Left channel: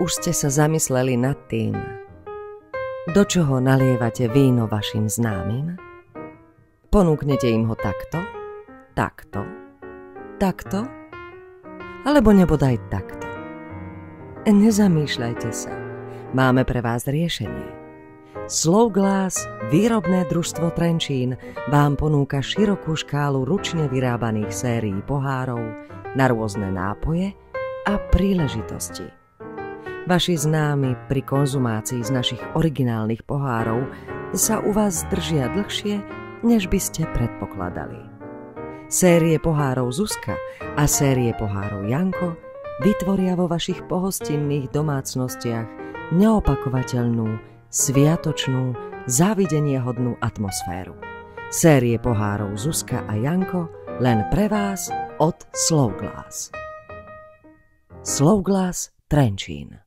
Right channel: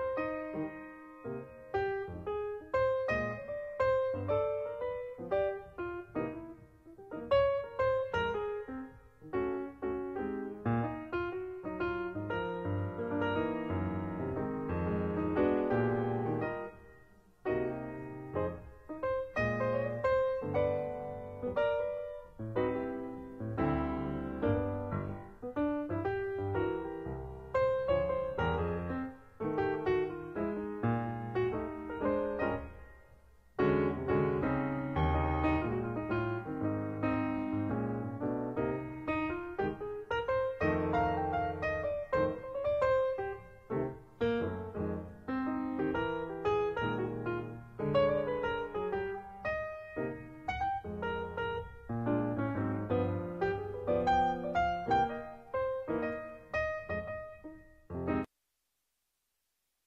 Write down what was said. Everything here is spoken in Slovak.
Už ste sa zamysleli nad tým, do čoho nalievate víno vašim známym? Ponúknete im ho takto, takto, alebo nebodaj takto. Nezamýšľajte sa, máme pre vás riešenie. Slow Glass, výrobné družstvo Trenčín, vám ponúka širokú škálu ručne vyrábaných sérií pohárov na rôzne nápoje a príležitosti. Vaši známi pri konzumácii z našich originálnych pohárov sa u vás držia dlhšie, než by ste predpokladali. Série pohárov Zuzka a série pohárov Janko vytvoria vo vašich pohostinných domácnostiach neopakovateľnú, sviatočnú, závideniahodnú atmosféru. Série pohárov Zuzka a Janko len pre vás od Slow Glass. Slow Glass Trenčín.